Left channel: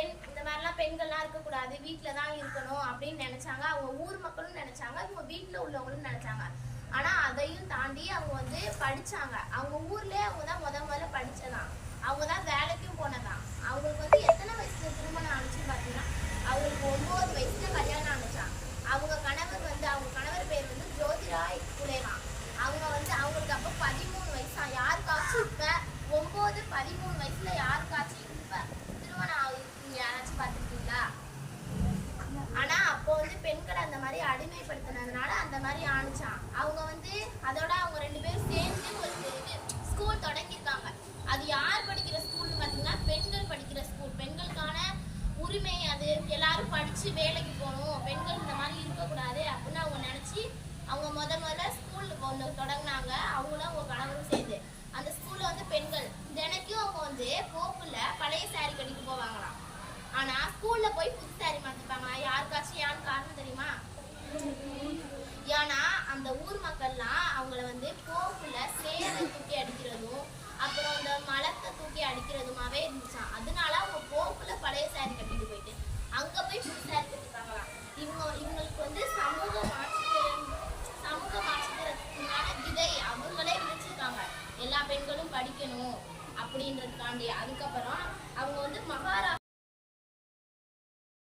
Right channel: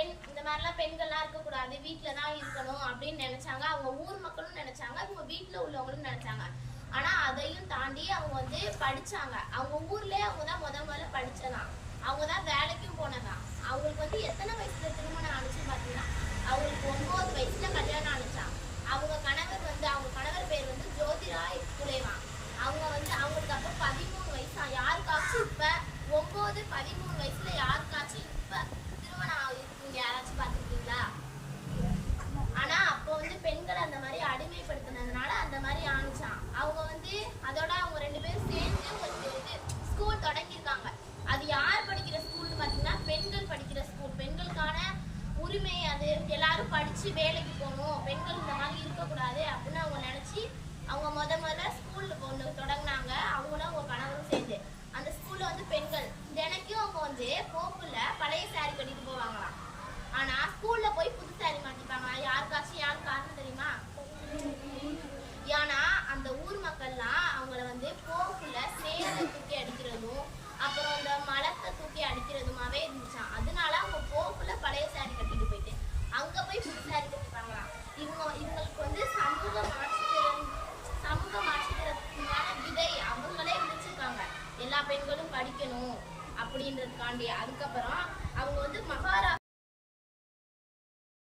இந்த மாதிரிலாம் பெண்கள்லாம் இருக்கக்கூடாது, வீட்டில் தான் இருக்கணும் அப்படின்னு நினைச்சாங்க. அவங்க ஊர் மக்களும் நினைச்சாங்க, அவங்க வீட்டில் உள்ளவங்களும் நினைச்சாங்க. ஆனா அதையும் தாண்டி அவங்க வந்து படிச்சாங்க. அவங்க ஊர்லயே அவங்க தான் முதல்ல படிச்சதான். அவங்க தான் வேலைக்கும் போனதான். அவங்களுக்கு வந்து எத்தனை வயசுல திருமணம் ஆனிச்சுன்னு பாத்தீங்கன்னா, அவங்களுக்கு 9 வயசுல கல்யாணம் ஆனிச்சான். அவங்க கணவர் பேர் வந்து ஜோதிராய் புலேவா. அவங்க வந்து அவங்களுக்கு அப்ப 13 வயசா. யாருக்காச்சும் இப்ப 9, 13 வயசுல யாருக்காச்சும் இப்ப திருமணம் ஆகுது யாராச்சும் பாத்துருக்கீங்களா? ஆனா அப்போ வந்து பெண்களை அந்த மாதிரி அடிமைப்படுத்தினதுனால அந்த மாதிரி ஆணிச்சான். அவங்க வந்து அதோட அவங்க 2 பேரும் சேர்ந்து ஒரு இது ஸ்கூல் தொடங்கியிருக்காங்க. அது யார் படிக்கிற ஸ்கூல்னு பாத்தீங்கன்னா பெண்கள் படிக்கிற ஸ்கூல். பெண்களுக்கான உரிமை, அது எல்லாரும் படிச்சு வேலைக்கு போகணும், பெண்கள் இந்த மாதிரி இருக்கக்கூடாது அப்படின்னு அவங்க நினைச்சு அவங்க முதல்ல ஸ்கூல் ஒன்று தொடங்கினாங்க. அவங்களும் அவங்க கணவரும் சேர்ந்து அந்த ஸ்கூல்ல வந்து பெண்கள் தினைக்கும் அவங்க வந்து போக்குல பழைய சாரி கட்டிட்டு போவாங்களாம். ஆனா ஸ்கூல்ல போய் புது சாரி மாட்டிப்பாங்க. யாருக்காச்சும் யாரு காரணம் தெரியுமா? ஏன்னா அந்த ஊர் மக்கள்லாம் அவங்கள வந்து போக்குல சேரை தூக்கி அடிக்கிறதும் அப்புறம் இந்த மலத்தை தூக்கி அடிக்கிறதுமாவே இருந்துச்சான். அதனால அவங்க போக்குல பழைய சாரி கட்டிட்டு போயிட்டு அங்க போய் புது சாரி கட்டிப்பாங்களாம். இவங்களுக்கு வந்து சமூக மாற்றத்திற்கான விதை அவங்களே விதைச்சிருக்காங்க. எல்லா பெண்களும் படிக்கணும் அப்படின்றதுக்காண்டி. அதுக்கப்புறம் அவங்க வந்து